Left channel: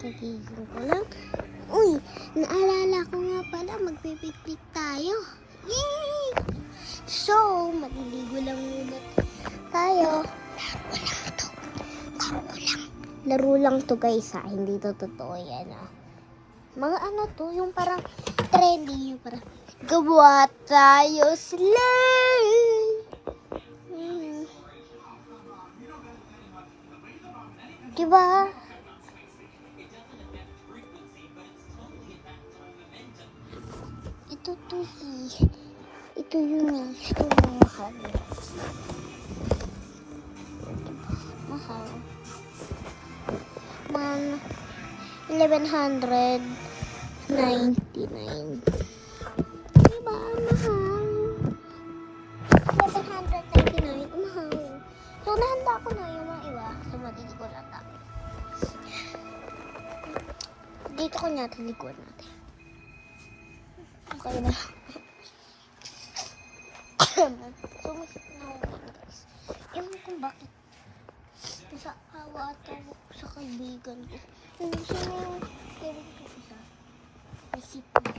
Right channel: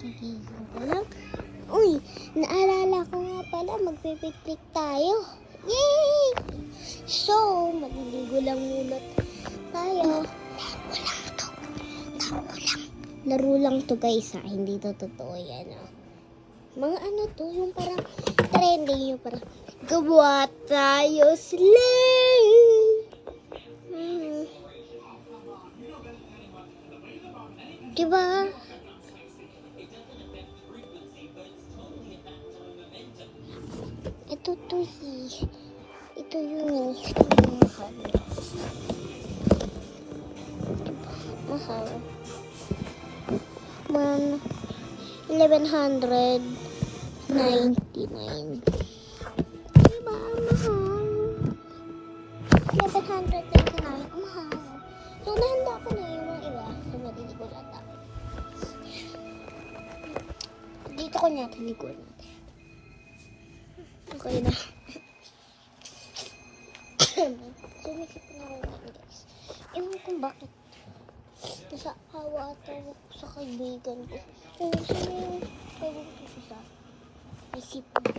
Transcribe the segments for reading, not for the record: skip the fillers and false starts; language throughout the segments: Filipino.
Kagigising ko lang. Uy, naalala ko nga pala, magpipiknik tayo. Yay! So, maliligo lang muna tayo. Laro lang to guys ha, hindi to totoo yan ha. Mga ano to, yung parang trending, yung parang gawa tayo slay! Diba? Ito to ito yun eh. Ito yung mahal. Mahal. Man, 1199. Diba? Mahal. 1199. Mahal. So, nahanda ko na yung mga iba. So, matitigo lang tayo. Dito ko natin likod natin. Okay na. Sumisip na ako ngayon guys. Ewan kung bakit. Nasa awa ata ako sa kaibigan ko. Yung sino yung kaibigan ko isa. May sipon.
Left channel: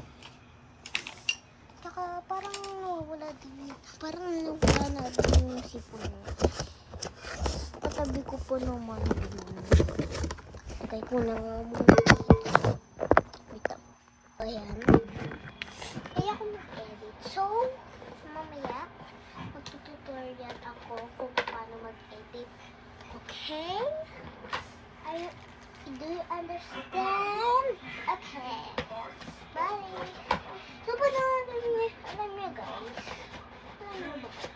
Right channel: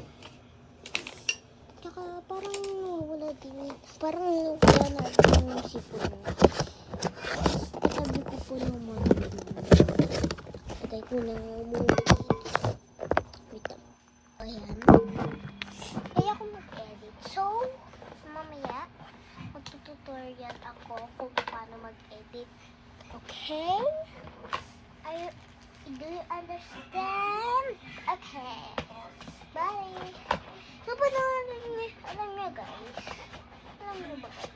Tsaka parang nawawala din. Parang nawawala na din yung sipon niya. Katabi ko po naman. Patay ko na nga muna. Wait lang. Ayan. Kaya ako mag-edit. So, mamaya, magtututorial ako kung paano mag-edit. Okay? Do you understand? Okay. Bye. So, alam niyo guys. Alam niyo ba guys?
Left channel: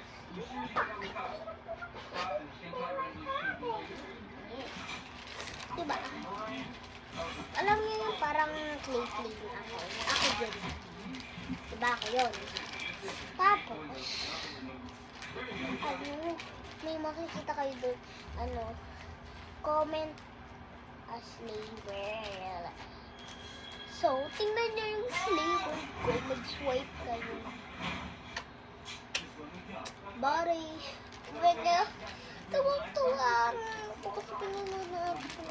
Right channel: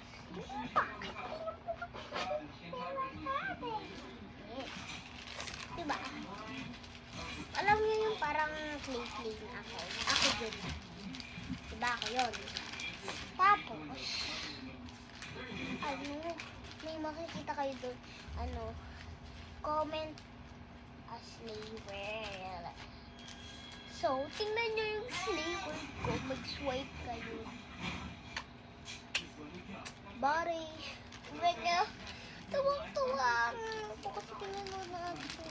Yes. Diba? Alam niyo yung parang clay ako. Ako dyan. Diba ako yun? Tapos, may makikita kayo doon, comment a slaver. So, tingnan nyo yung slaver ko, mag-swipe kayo. Bari, mega, tuwang-tuwa ako kasi pinanood na ako.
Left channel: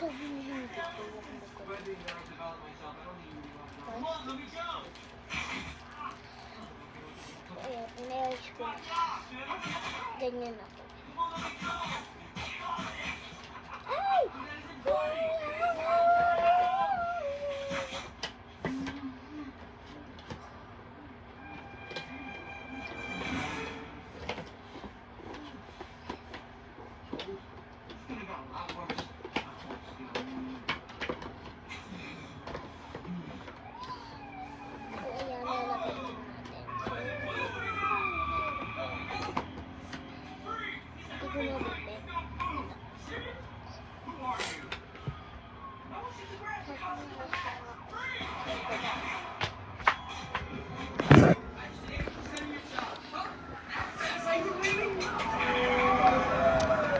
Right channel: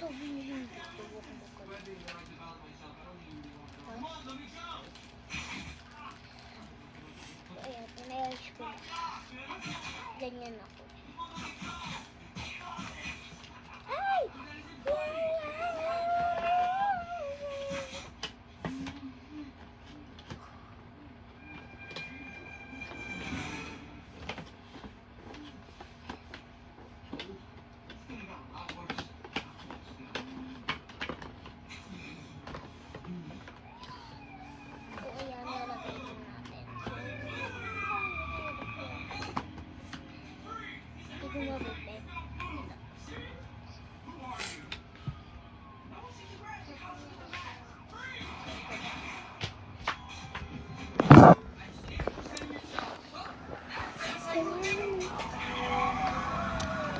Sabi niyo hindi ko, huwag mo ka lang. Ayan, inayos ko na. Ganyan ako. Ay! Gumabit.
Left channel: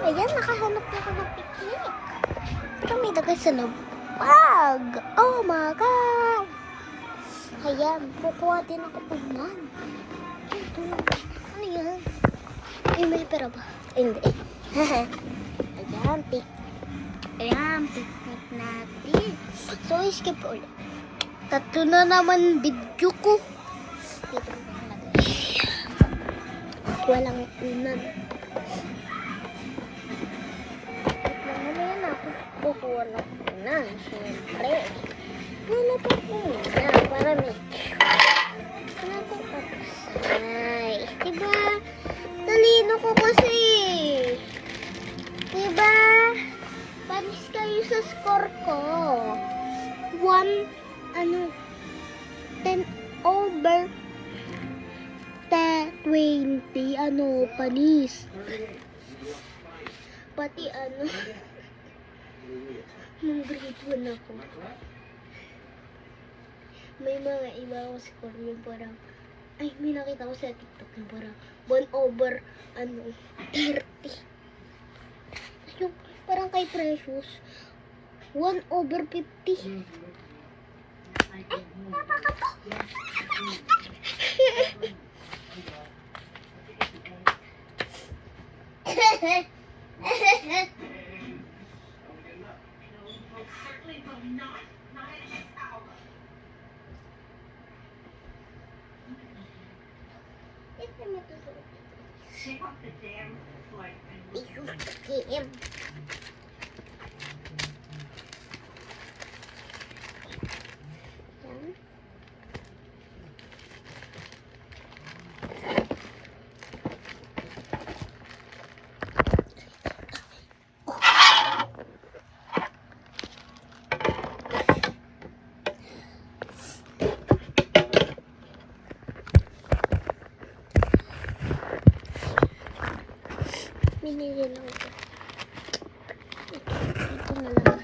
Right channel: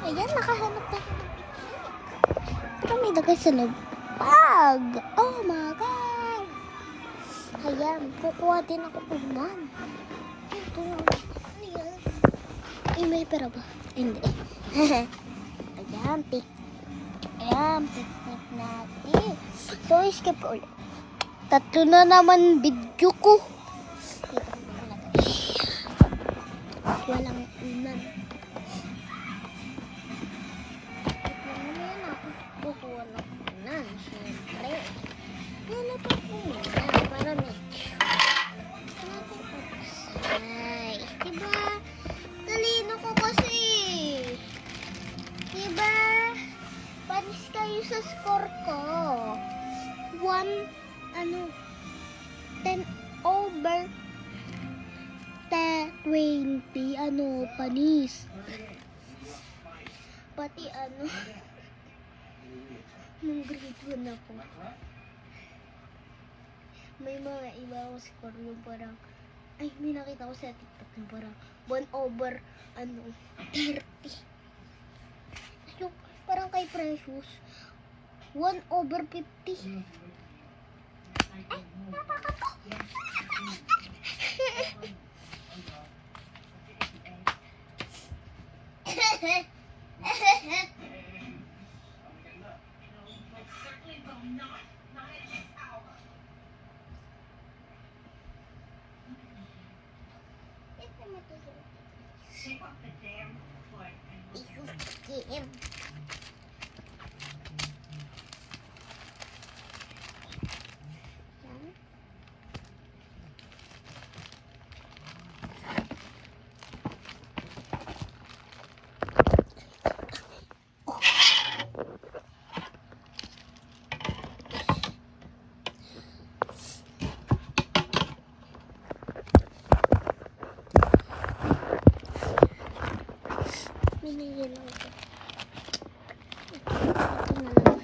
Ayan, nakahanap na ako ng picnic. Pero may dagay sa loob. Pag! Oh my God! Ayan, kukuha din ako unan. Ito. Ano yan? Eh, may pera ba? Hindi. Ayan, picnic natin. So, skip ulit. Tatlo na naman video ko. Dito ko natin. Walang unan. Mamaya na ako kukuha ng unan. Siyempre. Wala pa muna para make sure. Wala ko patusay. Diba? Talino ko kasi. Diba? Panis kayo sa score ko. 10 over 20. Panis. Pati nung grade 1 ako. May mga iba akong score yung parang, may nakita ko sa TikTok yung parang 1 over 30. Tapos yung parang kay Precious 1 over 50. Napakato. Ito mo tutuloy. Game. Yan. Binili lang ito. Ito na lang.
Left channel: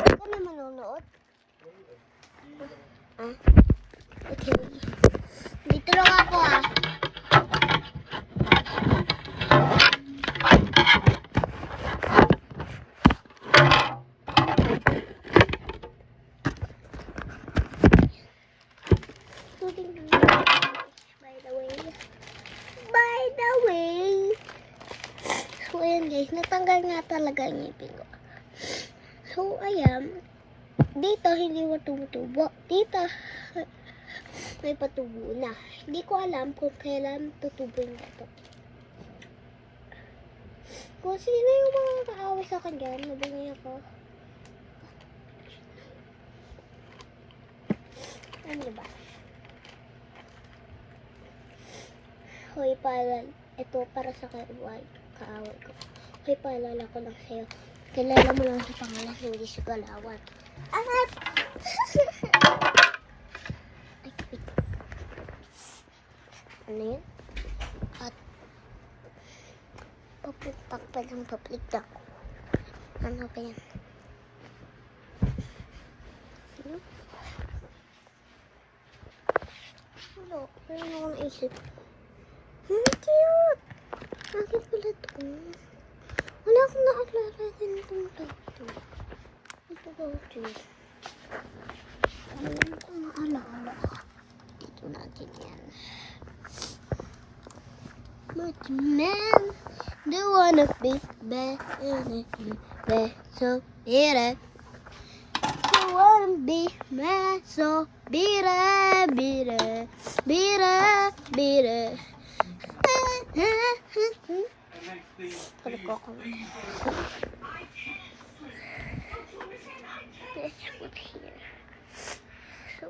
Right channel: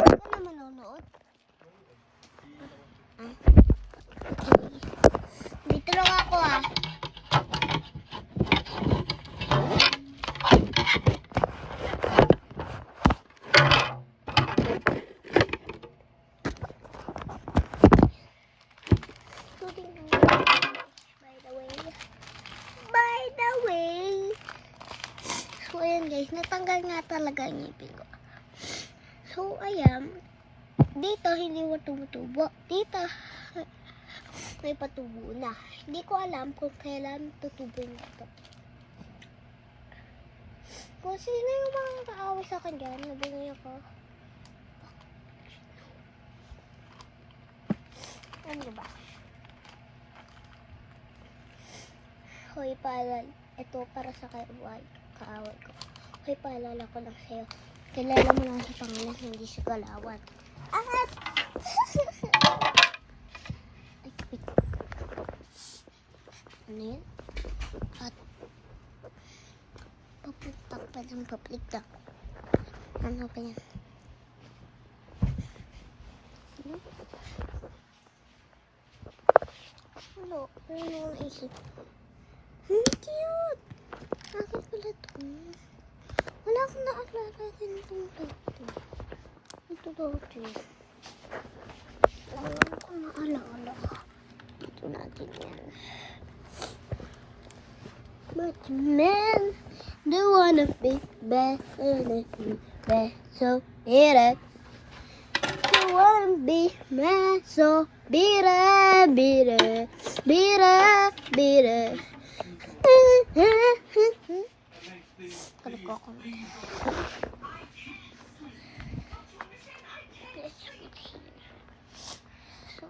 Ito na manonood. Ah, okay. Dito lang ako ah. So, ayan guys, natanggal nga talaga ang ngipin ko. So, ayan, dito hindi mo tumutubo. Dito, may patubo na. Hindi ko alam kung kailan tutubo yung ito. Kung sino yung mga kaaway sa akin dyan, nabungi ako. Ano ba? Hoy, ito para sa kaaway ko. Hoy, paalala ko lang sa'yo. Kilala mo lang sa pangalan, hindi sa galawan. At! Ano yun? At paputak pa ng paplikta. Ano pa yan? Ano? Ano? Ano akong naisip? Cute! Akin pala ito. Wala akong naalala din itong dati. Ito dati. Wala akong naalala. Dito natin yan. But man, do wanna be better than you, but so bitter. Do wanna be mad, so bitter, bitter, bitter, bitter. Balik ko ako. So,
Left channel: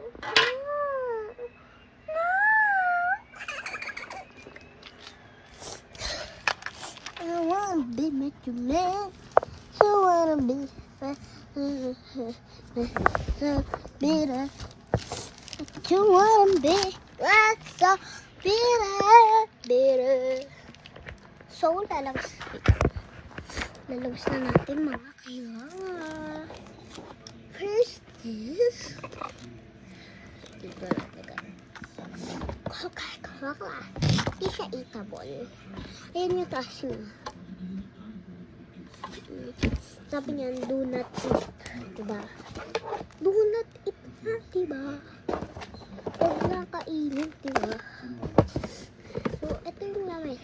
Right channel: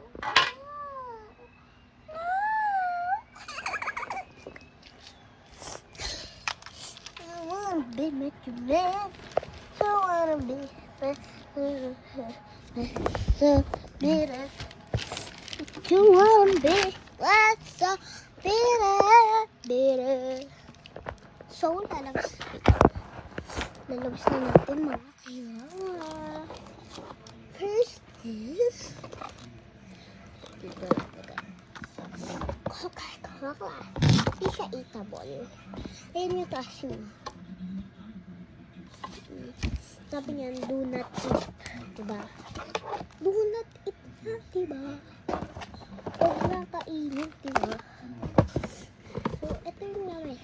I wanna be met you man. So wanna be so bitter. You wanna be so bitter, bitter. So, lalabas na natin mga kailangan. First is dito natin. Kakakakaka. Di siya eatable. Ayan yung taas niya. Sabi niyan, do not eat. Diba? Do not eat na, diba? Huwag lang kainin, diba? So, ito yung lamay.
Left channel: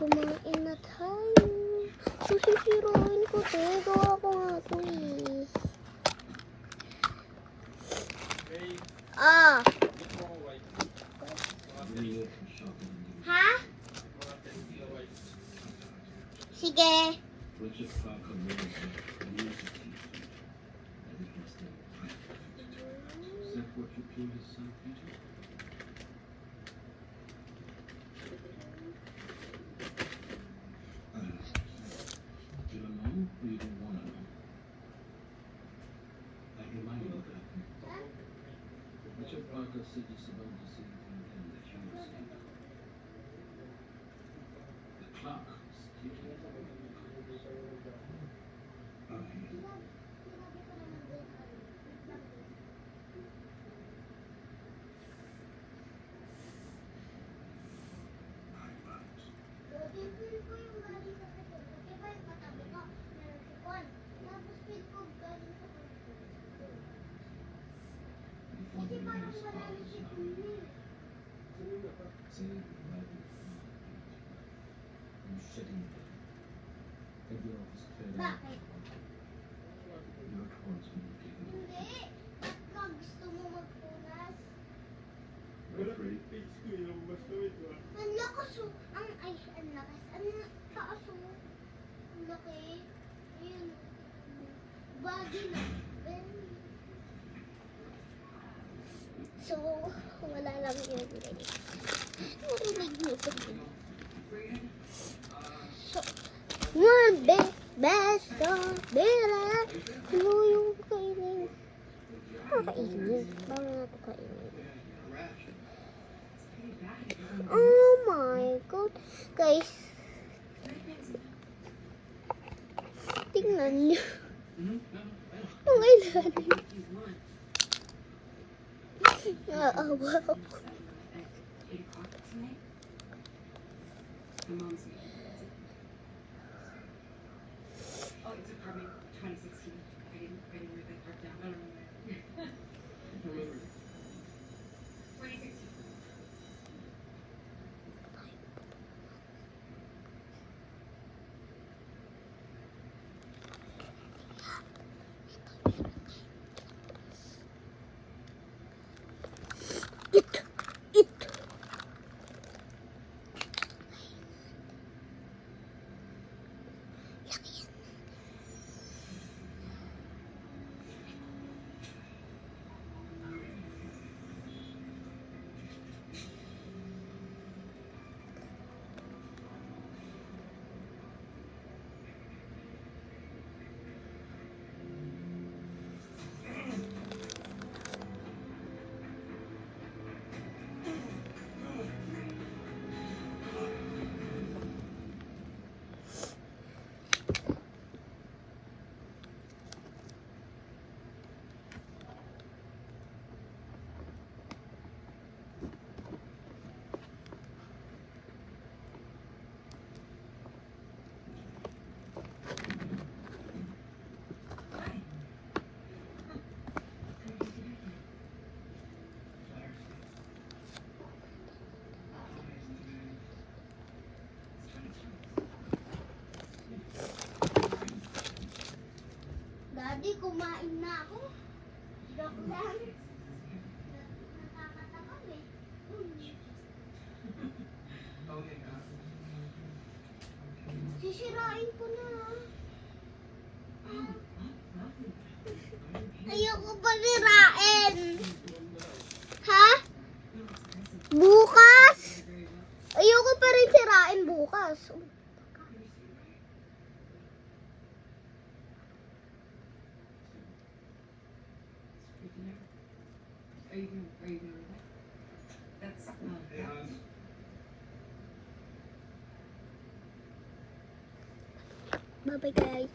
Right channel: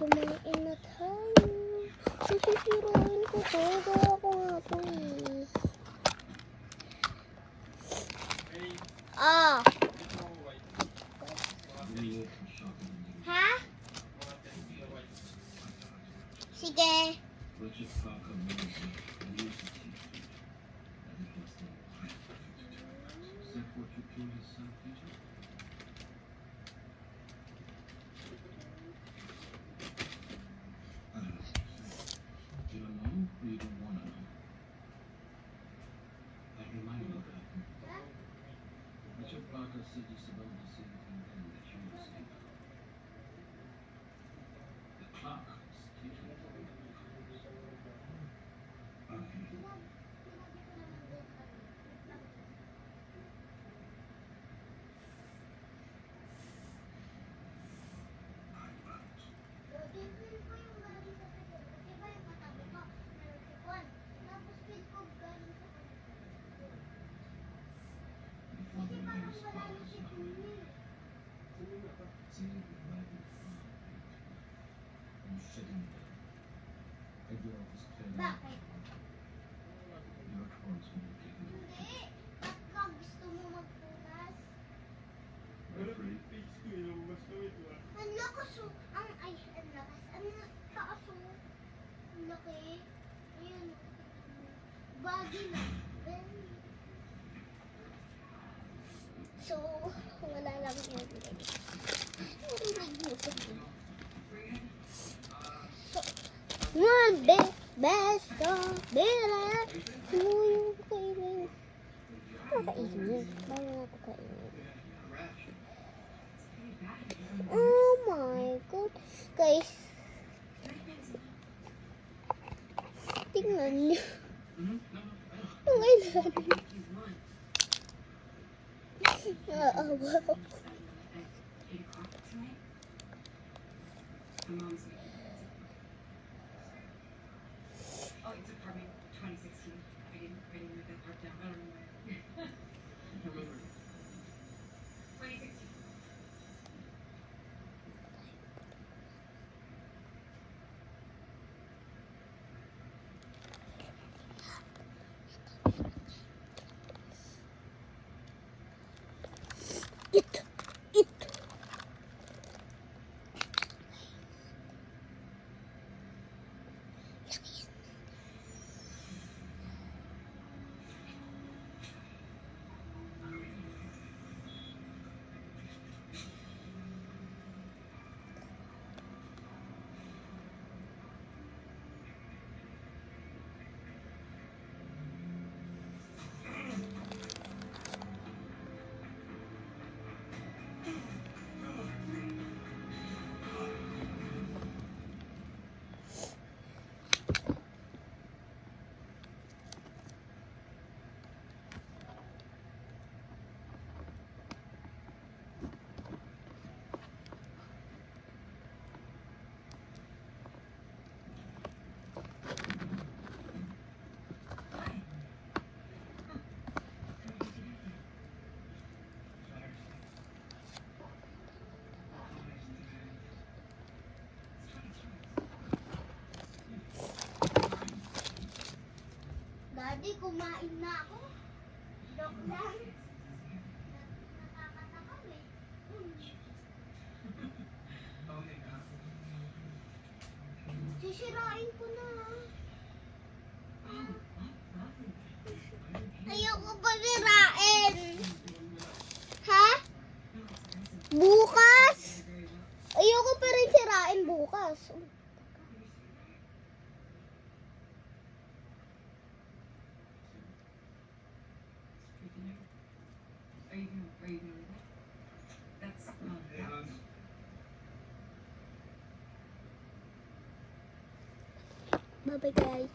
Kumain na tayo. Susisirain ko to. Gawa ko nga to eh. Ah. Ha? Sige. Bakit? Hindi. Bakit gusto mo magpunas? Ang lakas oh. Ang lakas. Ang taas oh. Ang laki. Ayun. Bagay na. So, wala lang yun. Narinig mo ito. So, one best of Bella. Ano yung kainin? Kakainin. Bago na ito kainin. Oh my God. Guys. Tingnan niyo. Ang ilalim. Naawa ako. Daddy, kumain na ako. Joke lang. Nakakatakam eh. Sisirain ko na. Ayoko pa sirain. Ha? Bukas? Ayoko pa rin sirain bukas. Bye-bye guys.